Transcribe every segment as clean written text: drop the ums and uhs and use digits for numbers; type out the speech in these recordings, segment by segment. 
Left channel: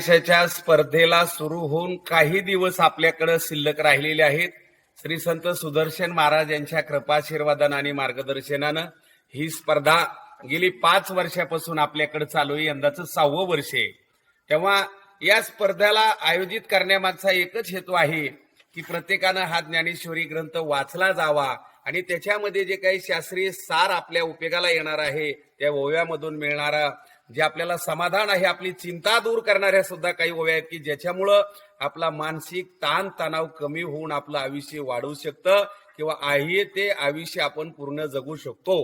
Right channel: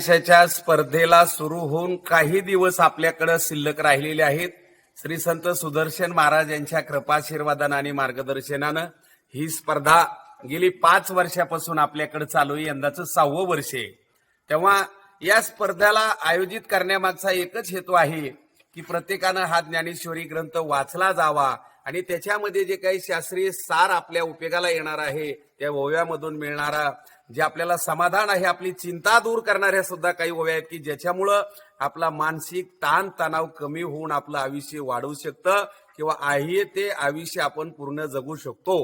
देशाच्या स्पर्धेला सुरू होऊन काही दिवस आपल्याकडे शिल्लक राहिलेले आहेत. श्री संत सुदर्शन महाराज यांच्या कृपाशीर्वादानं आणि मार्गदर्शनानं ही स्पर्धा गेली 5 वर्षापासून आपल्याकडे चालू आहे. यंदाचं 6वं वर्ष आहे. तेव्हा या स्पर्धेला आयोजित करण्यामागचा एकच हेतू आहे की प्रत्येकानं हा ज्ञानेश्वरी ग्रंथ वाचला जावा आणि त्याच्यामध्ये जे काही शास्त्रीय सार आपल्या उपयोगाला येणार आहे, त्या ओव्यामधून मिळणारा जे आपल्याला समाधान आहे, आपली चिंता दूर करणाऱ्या सुद्धा काही ओव्या आहेत की ज्याच्यामुळं आपला मानसिक ताण तणाव कमी होऊन आपलं आयुष्य वाढवू शकतं किंवा आहे ते आयुष्य आपण पूर्ण जगू शकतो.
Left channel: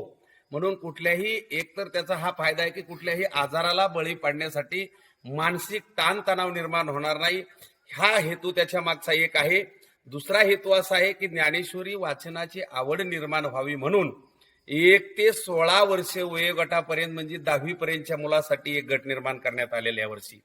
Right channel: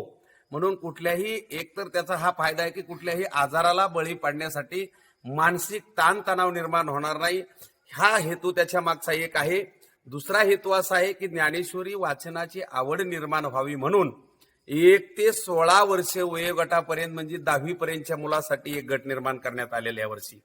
म्हणून कुठल्याही एकतर त्याचा हा फायदा आहे की कुठल्याही आजाराला बळी पडण्यासाठी मानसिक ताण तणाव निर्माण होणार नाही, हा हेतू त्याच्या मागचा एक आहे. दुसरा हेतू असा आहे की ज्ञानेश्वरी वाचनाची आवड निर्माण व्हावी म्हणून 1 ते 16 वर्षे वयोगटापर्यंत म्हणजे 10वी पर्यंतच्या मुलासाठी एक गट निर्माण करण्यात आलेल्या यावर्षी.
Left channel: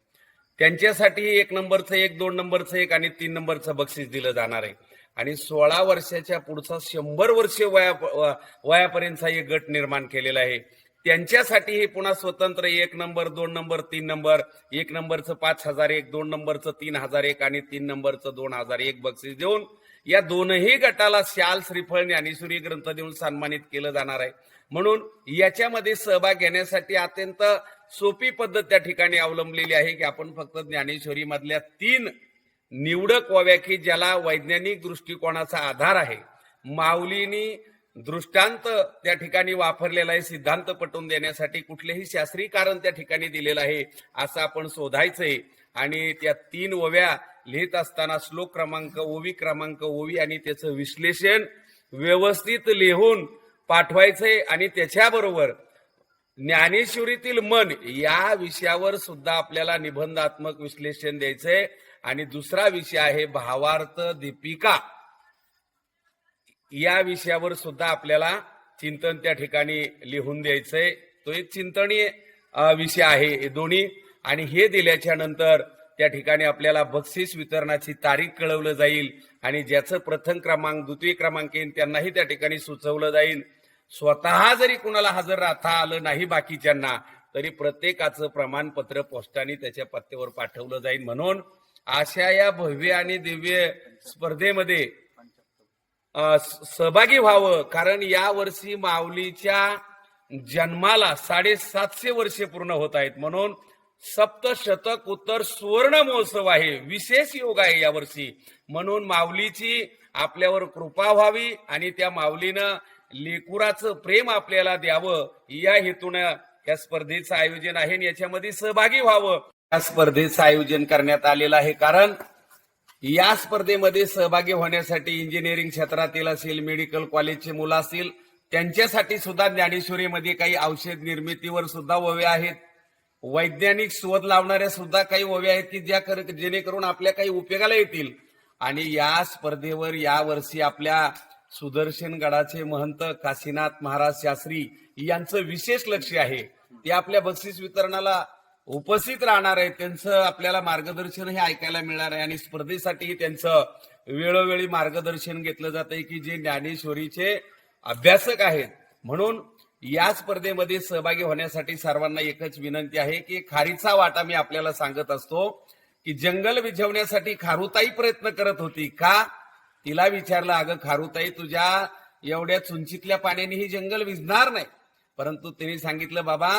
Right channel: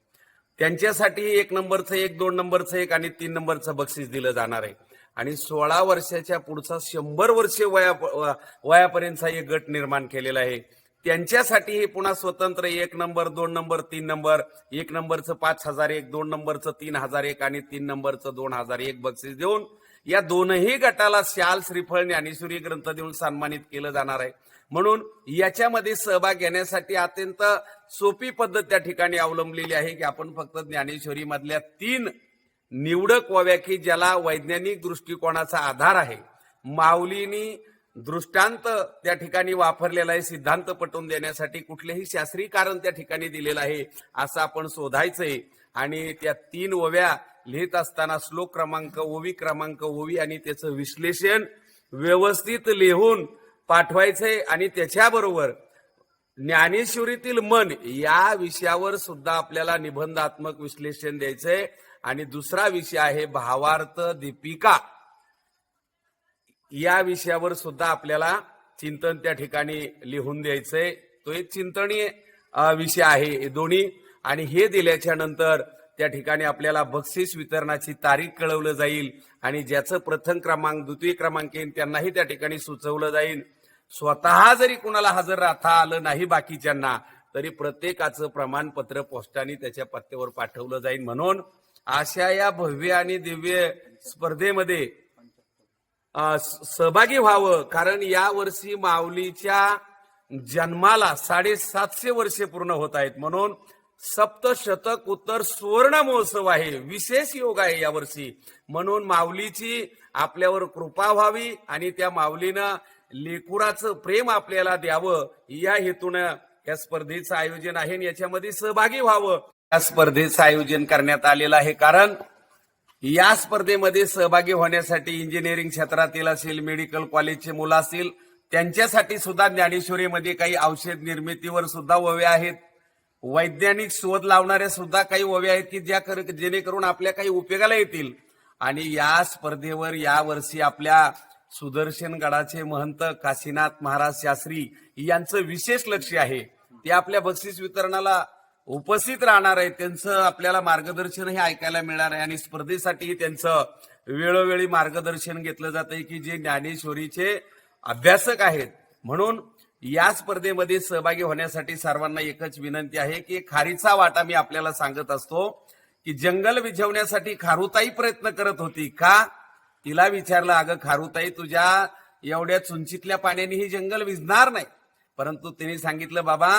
त्यांच्यासाठी 1 नंबरचं 1, 2 नंबरचं 1 आणि 3 नंबरचं बक्षीस दिलं जाणार आहे. आणि 16 वर्षाच्या पुढचा 100 वर्षे वयापर्यंतचा एक गट निर्माण केलेला आहे. त्यांच्यासाठी हे पुन्हा स्वतंत्र 1 नंबर 2 नंबर 3 नंबर, 1 नंबरचं 5001, 2 नंबरचं 3001 आणि 3 नंबरचं 2001 बक्षीस देऊन या दोनही गटाला शाल, श्रीफळ, ज्ञानेश्वरी ग्रंथ देऊन सन्मानित केलं जाणार आहे. म्हणून याच्यामध्ये सहभाग घेण्यासाठी अत्यंत सोपी पद्धत त्या ठिकाणी अवलंबलेली आहे की आपण फक्त ज्ञानेश्वरी मधल्या 3 निवडक ओव्या की ज्याला वैज्ञानिक दृष्टिकोनाचा आधार आहे, माऊलींनी दृष्टांत त्या ठिकाणी वापरलेला आहे, सिद्धांत पटवून देण्यासाठी कुठलेही शास्त्रीय कारण त्या ठिकाणी दिलेलं आहे असं आपण शोधायचंय. आणि त्या 3 ओव्या लिहित असताना श्लोक क्रमांक, ओवी क्रमांक, ओवी आणि त्याचं विश्लेषण व्यवस्थित लिहून पाठवायचंय. आणि त्याच्याबरोबर ज्ञानेश्वरीतील मन या विषयावर सुद्धा आपल्याला निबंधात्मक विश्लेषण द्यायचंय. आणि दुसरा विषय आहे भावार्थ दीपिका, या विषयावर सुद्धा आपल्याला चिंतन त्या ठिकाणी लिहून द्यायचंय. तो एक चिंतनीय विषय आहे दोन्ही. आणि हे दिल्याच्या नंतर त्या ठिकाणी आपल्याला बक्षीस वितरणाची तारीख कळवलं जाईल आणि ज्याचं प्रथम क्रमांक, द्वितीय क्रमांक येईल त्यांनाही त्या ठिकाणी सुचवलं जाईल. स्वतः जरी कुणाला हजर राहता आलं नाही बाकीच्यांना तरी प्रत्येकाचं प्रमाणपत्र पोस्टाने त्याच्या पत्त्यावर पाठवलं जाईल. म्हणून अशा या भव्य आणि दिव्य स्पर्धेमध्ये सहभागी व्हावं. कारण या वर्षी माऊलीच्या जन्माला 750 वर्षे पूर्ण होत आहेत. म्हणून सप्तशतक उत्तर सुवर्ण महोत्सव आहे, विशेष योग आहे यावर्षी. म्हणून माऊलीची आपल्यावर कृपा व्हावी आणि त्या माऊलीनं लेकुराचं प्रेम आपल्याला द्यावं या हेतूनं या स्पर्धेचं आयोजन आहे आणि याच्यामध्ये सहभागी व्हावं. या स्पर्धेचं आयोजन करण्यात आलेलं आहे कारण या स्पर्धेमध्ये सहभागी होण्यासाठी इंजिनिअरिंग क्षेत्रातील असेल, मेडिकल कॉलेजचे मुलं असतील, त्यांच्यासाठी सुद्धा ज्ञानेश्वरीमध्ये काही औषध निर्मितीवर सुद्धा ओव्या आहेत. वैज्ञानिक शोध लावणाऱ्या सुद्धा काही ओव्या आहेत की जेणेकरून आपल्या काही उपयोगाला येतील. आणि या स्पर्धेवर यावर्षी आपल्या सुदर्शन गडाचे महंत काशीनाथ महाराज शास्त्री यांचं विशेष लक्ष आहे. ते आपल्या बक्षीस वितरणाला उपस्थित राहणार आहे. त्यांचं आपल्याला मार्गदर्शन हे ऐकायला मिळणार आहे आणि स्पर्धेसाठी त्यांचं वेळोवेळी मार्गदर्शन घेतलं जात आहे की जे ज्ञानेश्वरीचे अभ्यासक आहेत. म्हणून या स्पर्धेमध्ये सहभागी होण्यासाठी सर्वांना एकच विनंती आहे की खारीचा वाटा मी आपल्याला सांगत असतो की जंगल विझवण्यासाठी खारुताई प्रयत्न करत होती का? तिला विचारलं, अगं खारुताई, तुझ्या एवढ्या चुंचीतल्या पाण्याने ही जंगल विझणार नाही. परंतु तिने सांगितलं, बाबा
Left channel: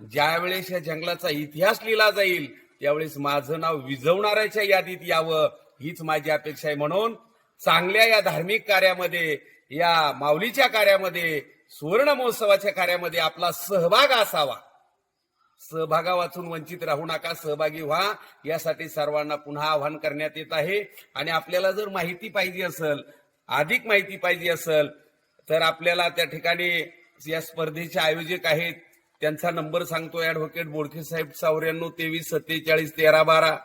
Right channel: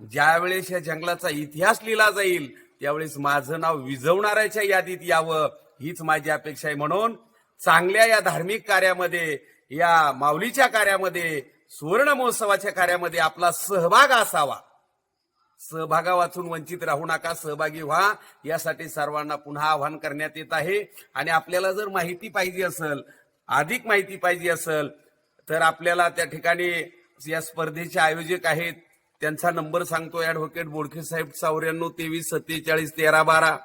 ज्या वेळेस या जंगलाचा इतिहास लिहिला जाईल त्यावेळेस माझं नाव विझवणाऱ्याच्या यादीत यावं हीच माझी अपेक्षा आहे. म्हणून चांगल्या या धार्मिक कार्यामध्ये, या माऊलीच्या कार्यामध्ये, सुवर्ण महोत्सवाच्या कार्यामध्ये आपला सहभाग असावा. सहभागा वाचून वंचित राहू नका, सहभागी व्हा. यासाठी सर्वांना पुन्हा आवाहन करण्यात येत आहे. आणि आपल्याला जर माहिती पाहिजे असेल, अधिक माहिती पाहिजे असेल तर आपल्याला त्या ठिकाणी या स्पर्धेचे आयोजक आहेत त्यांचा नंबर सांगतो. ऍडव्होकेट बोडखे साहेब 94 23 47 13 12.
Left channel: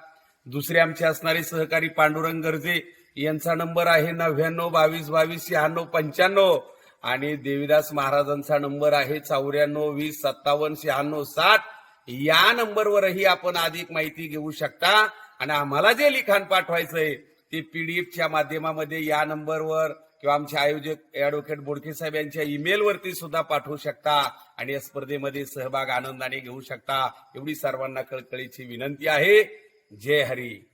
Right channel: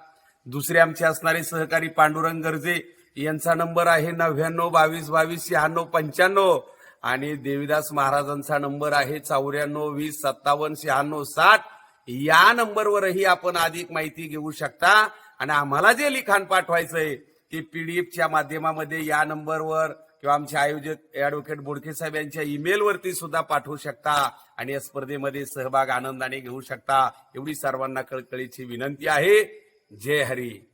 दुसरे आमचे असणारे सहकारी पांडुरंग गर्जे यांचा नंबर आहे 99 22 22 96 95. आणि देवीदास महाराजांचा नंबर आहे 94 20 57 96 60. या नंबरवरही आपण अधिक माहिती घेऊ शकता. आणि आम्हाला जे लिखाण पाठवायचंय ते पीडीएफच्या माध्यमामध्ये या नंबरवर किंवा आमचे आयोजक ऍडव्होकेट बोडखे साहेब यांच्या ईमेलवरती सुद्धा पाठवू शकता आणि या स्पर्धेमध्ये सहभाग आनंदाने घेऊ शकता. एवढी सर्वांना कळकळीची विनंती आहे. जय हरी.